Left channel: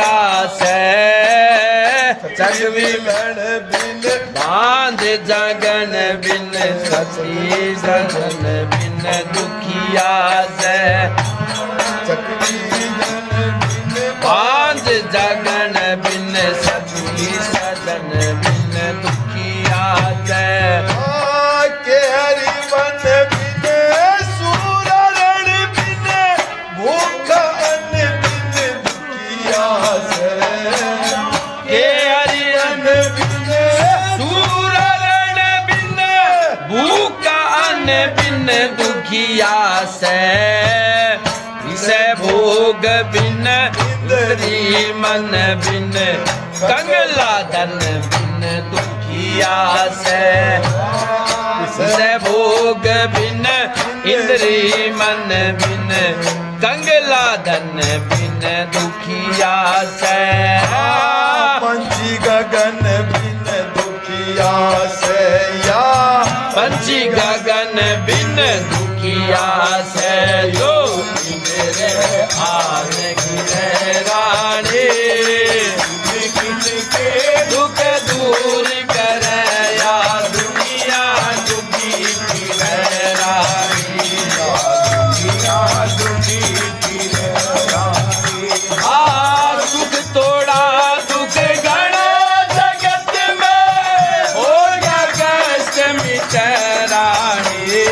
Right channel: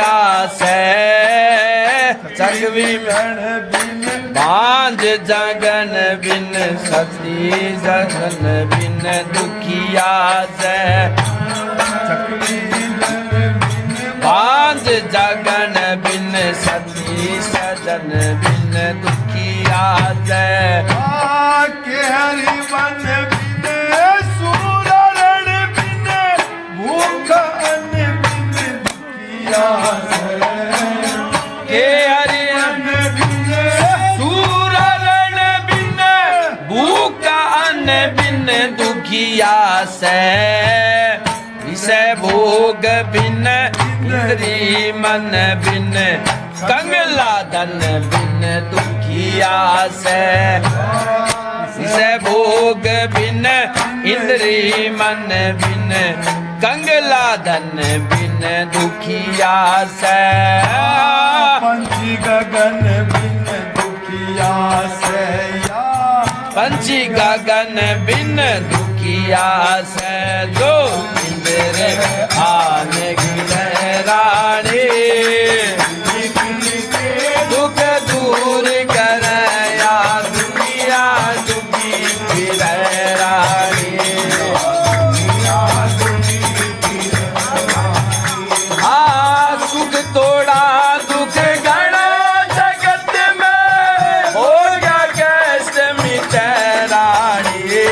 दुखिया से चकवी बांझ जगन बिन सती जगन बिन दुखिया से बांझ जगन बिन सती सजन बिन दुखिया से के हरि वन बिन सूरण बिन भूख अन्न बिन दुखिया से के हरि बिन सूरण बिन भूख अन्न बिन दुखिया से विषय भोग बिन इंद्री मन बिन कंगला धन बिन दुखिया से विषय भोग बिन इंद्री मन बिन कंगला धन बिन दुखिया से पंछी गगन बिन दुखिया से या पंछी गगन बिन दुखिया से जो इंद्र आन गिरे रानी दुख दूर करे या दुनिया दुखी फिरे रानी सुख तोड़ा दुख गणा जगत में हो गया कष्ट मिटे रानी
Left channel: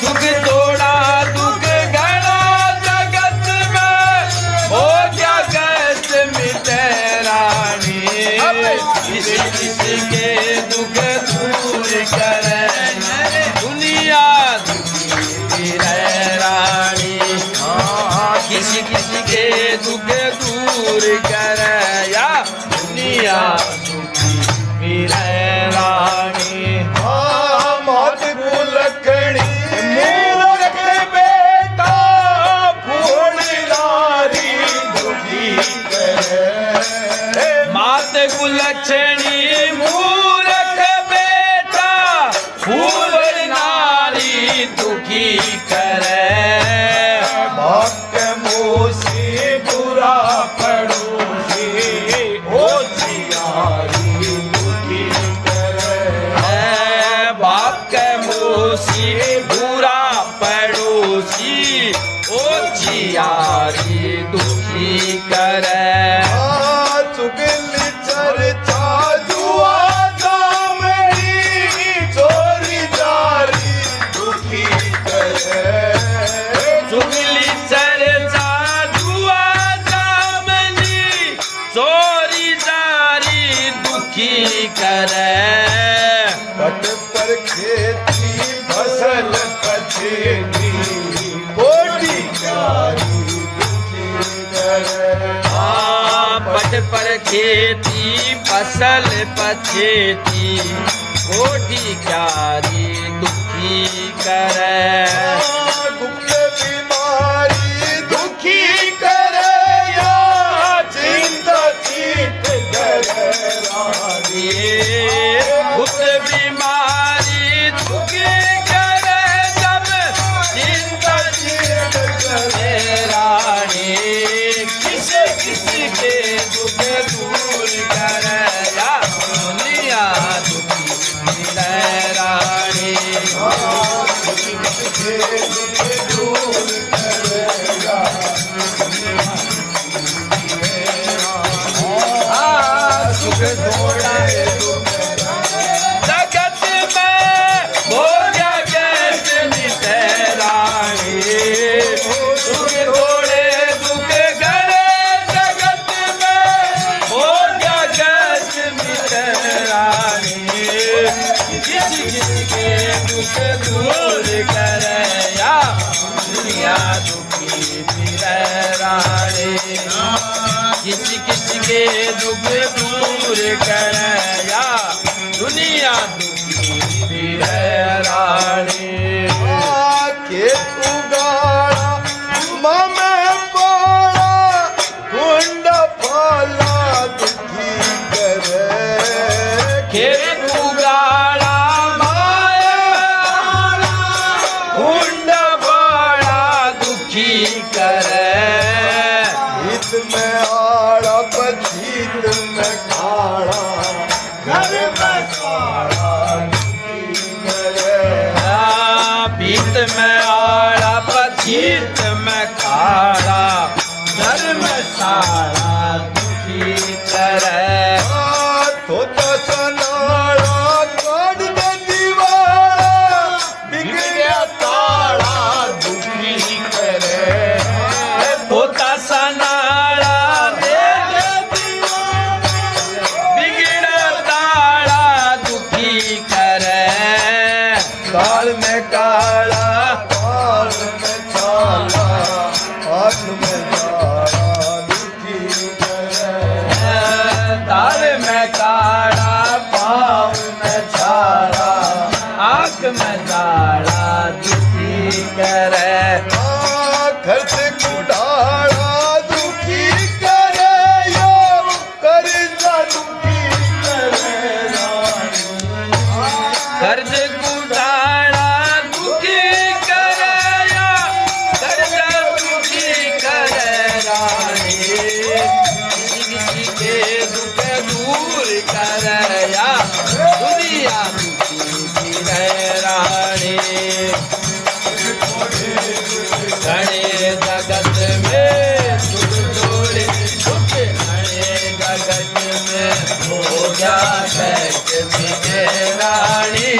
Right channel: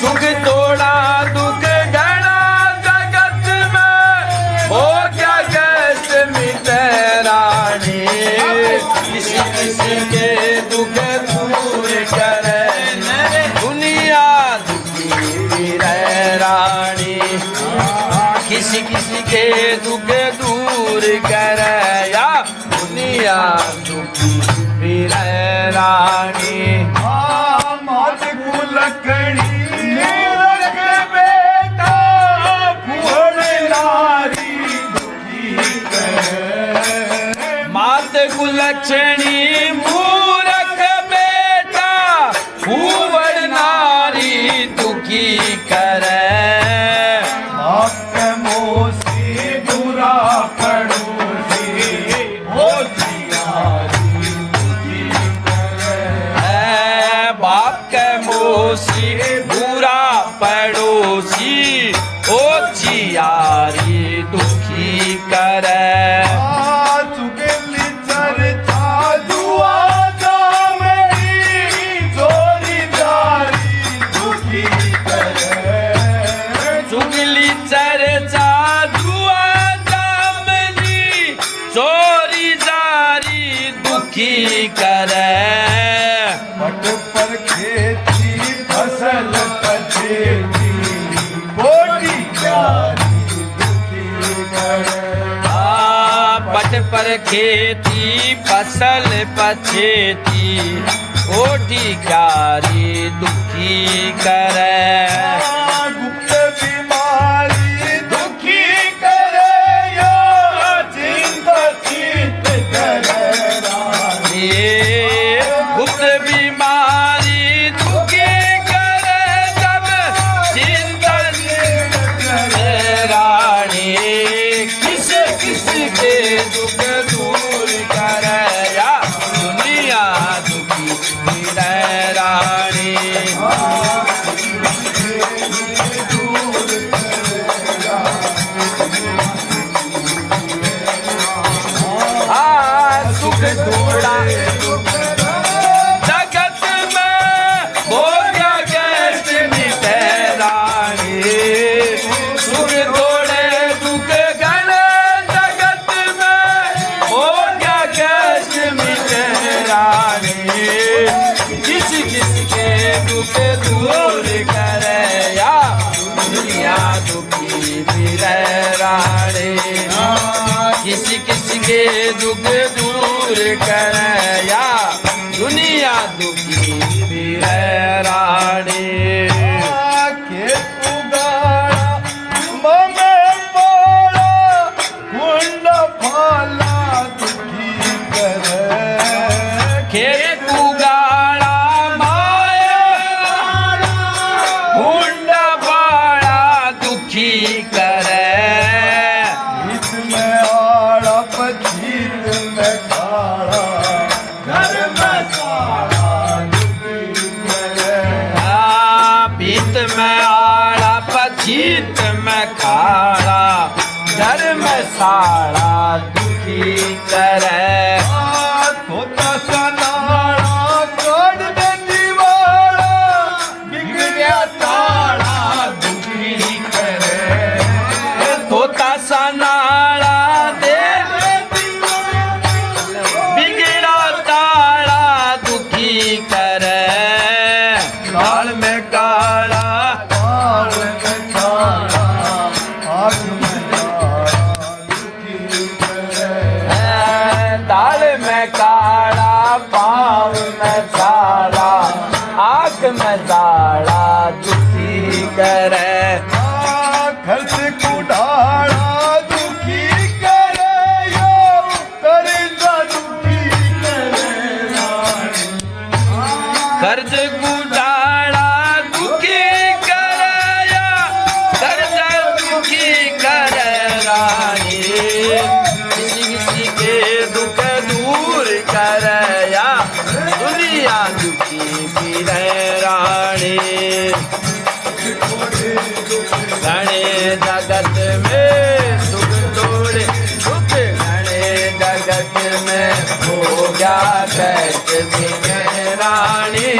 सुख तोड़ा दुख गणा जगत में हो गया कष्ट मिटे रानी किसी किसी के दुख दूर करे दुनिया दुखी फिरे रानी किसी किसी के दुख दूर करे या दुनिया दुखी फिरे रानी मात कुलकड़ी मूरख बेटा फूल नारी दुखी करे मात कुलक्षणी मूरख बेटा फूवड़ नारी दुखी करे भक्त मोसी बुरा पड़ोसी हो जियारी दुखी करे बाप के मोसी बुरा पड़ोसी ओ जियारी दुखी करे चुगली चर्चा जुआ जामनी चोरी जारी दुखी करे चुगली चर्चा जुआ जामनी चोरी जारी दुखी करे पट पर खेती फसल पछेती कोटी जारी दुखी करे पट पर खेती फसल पछेती ओढ़ी क्यारी दुखी करे गुप्त बीमारी दुखी करे या चिंता चित करे रानी गुप्त बीमारी दुखी करे जब चिंता करे रानी किसी किसी के दुख दूर करे या दुनिया दुखी फिरे रानी सुख थोड़ा जगत में हो गया कष्ट मिटे रानी सुख थोड़े दुख गण जगत में हो गया कष्ट मिटे रानी किसी किसी के दुख दूर करे या दुनिया दुखी फिरे रानी किसी किसी के दुख दूर करे या दुनिया दुखी फिरे रानी के उगाड़ा मम मारा कुंड फला दुखी करे खेत उगाड़ा माया कुंड बड़ा दुखी करे हित में आड़ हित में खाड़ा धर्मशाला दुखी करे धोता सनाड़ा कान में दीवारा बिगड़िया ताड़ा दुखी करे धोता सनाड़ा दे बिगड़ा ताड़ा दुखी करे दाल में काला पार में काला आग में जाड़ा दुखी करे दाल में काला पाँव में छाला आँख में जाला दुखी करे खर्च कुड़ाड़ा दुखी करे यो कर्जा दुखी करे कर्ज गुडाड़ा दुखी करया कर्ज दुखी करे रानी किसी किसी के दुख दूर करया दुनिया दुखी फिरे रानी घने जगत में सुख तोड़े सुख घने जगत में हो गया कैस बिने रानी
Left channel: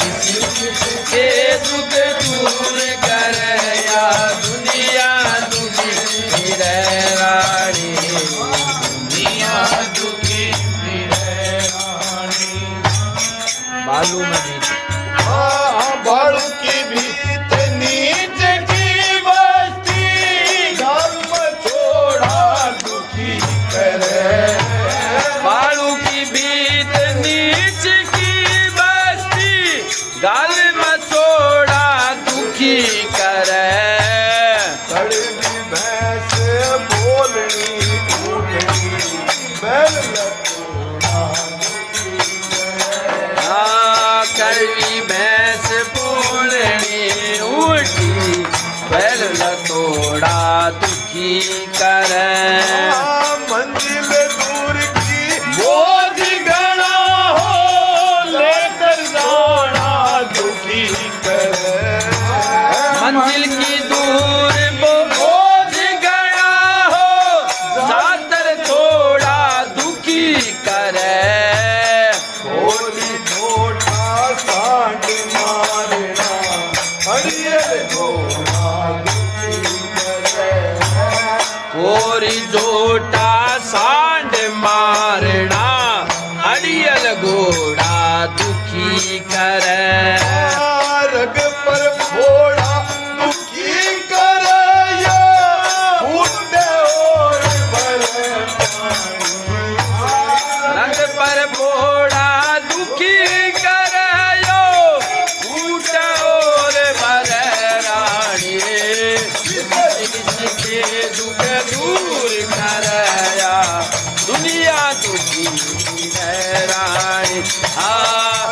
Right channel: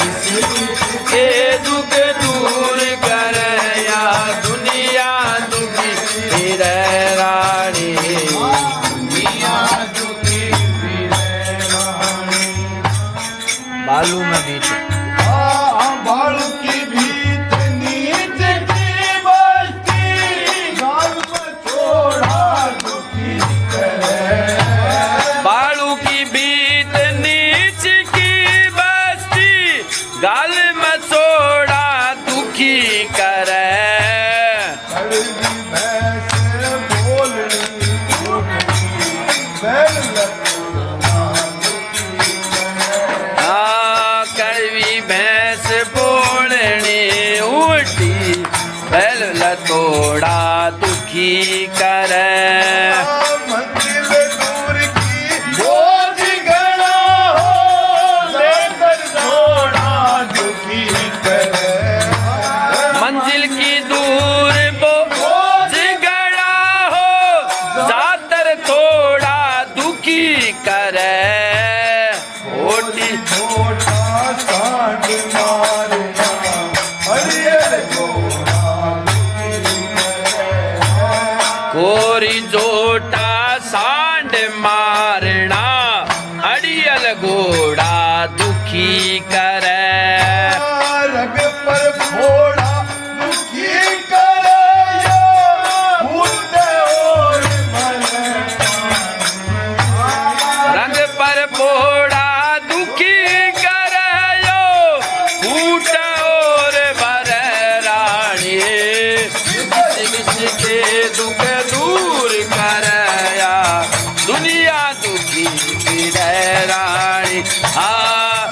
किसी के दुख दूर कर या दुनिया दुखी फिर रानी दुनिया दुखी फिर रानी बालू में बीच बालू की भीत नीच की बस्ती गाल में छोड़ा दुखी करे बालू की बीत नीच की बस्ती गाल मचोड़ा दुखी करे कड़वी भैंस बोलनी उठनी बैल लटोड़ा दुखी करे कड़वी भैंस बोलनी उल्टी बैल लतोड़ा दुखी करे मंदिर दूर की बोझ गणा हो लेकर दौड़ा दुखी करे मंजिल की दूर बोझ गया हो जातर थोड़ा दुखी करे ओटी छोटा सांड मारना हरियर घोड़ा दुखी करे कोरी जोटा सांड मारना अड़ियल घोड़ा दुखी करे रग पर फोड़ा दुखी करे फूटते और भले रंग पर फोड़ा दुखी करयो फूट और भर रानी किसके दुख दूर करया दुनिया दुखी फिर रानी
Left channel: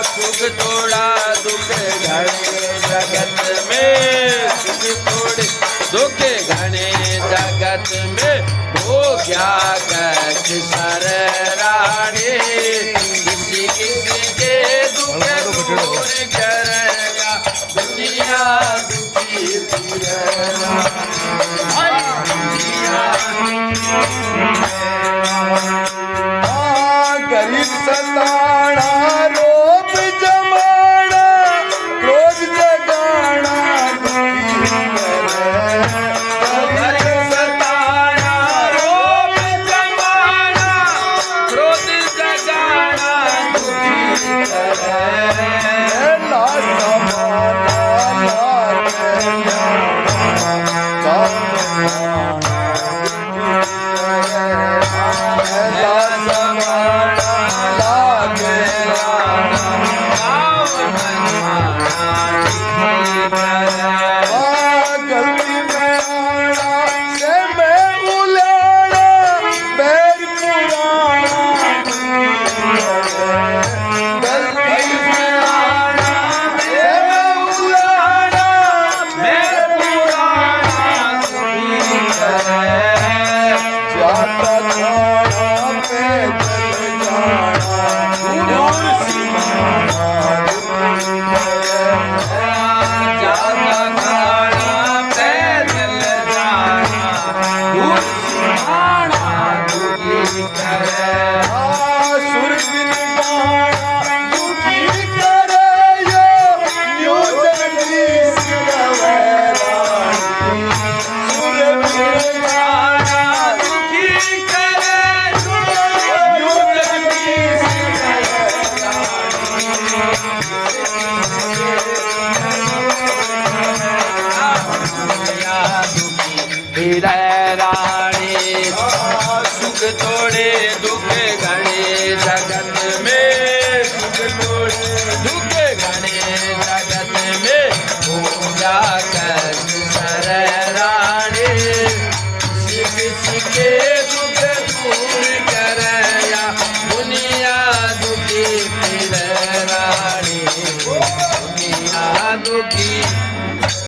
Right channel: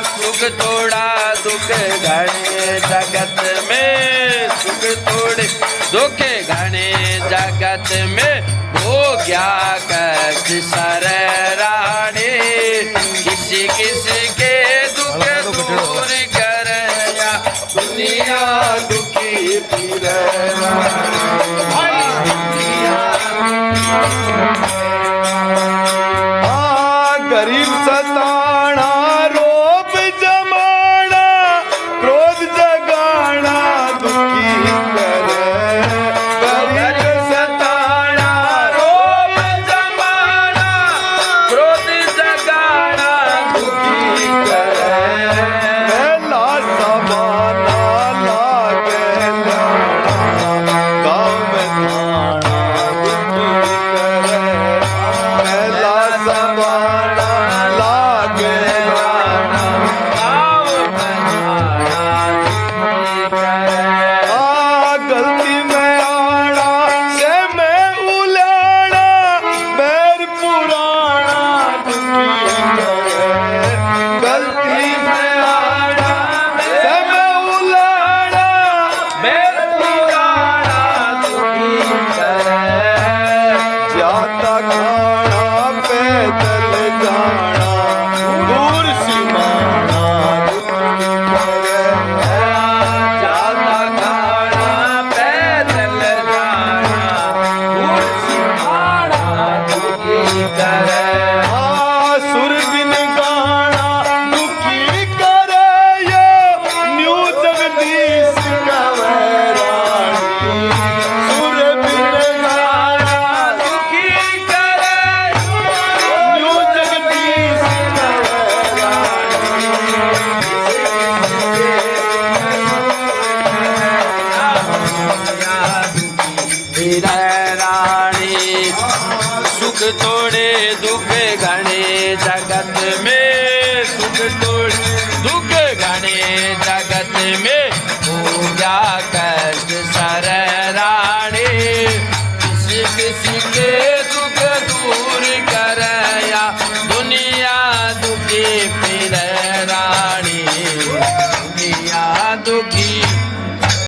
सुख थोड़ा दुख घने जगत में सुख थोड़े दुख घने जगत में हो गया कष्ट सर रानी किसी किसी के दुख दूर करया दुनिया दुखी फिर गरीब सताना रोब जमाना क्रोध जगाना दुखी करे गरीब सताना रोब जमाना क्रोध जगाना दुखी करे ना समाना वीर रानी सुख तोड़े दुख घने जगत में सुख तोड़े दुख घने जगत में पूजा कर सर रानी किसी किसी के